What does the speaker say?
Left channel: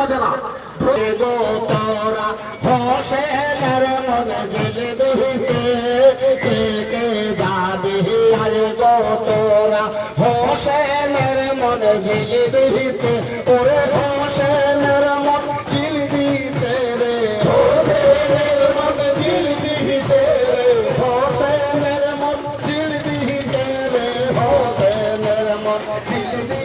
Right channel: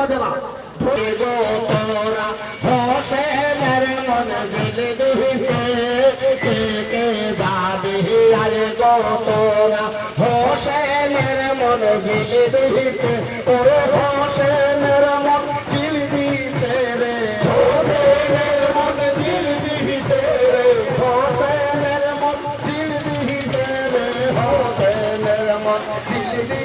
বাজে না তোরা হোসেনের মন ঝিল দিতে কে যাবি আরে গো তোরা হোসেনের মন ঝিল দিতে ওরে হোসেনের মন ঝিল দিতে রে হোসেনের মন ঝিল দিতে রে হোসেনের মন ঝিল দিতে রে হোসেনের মন ঝিল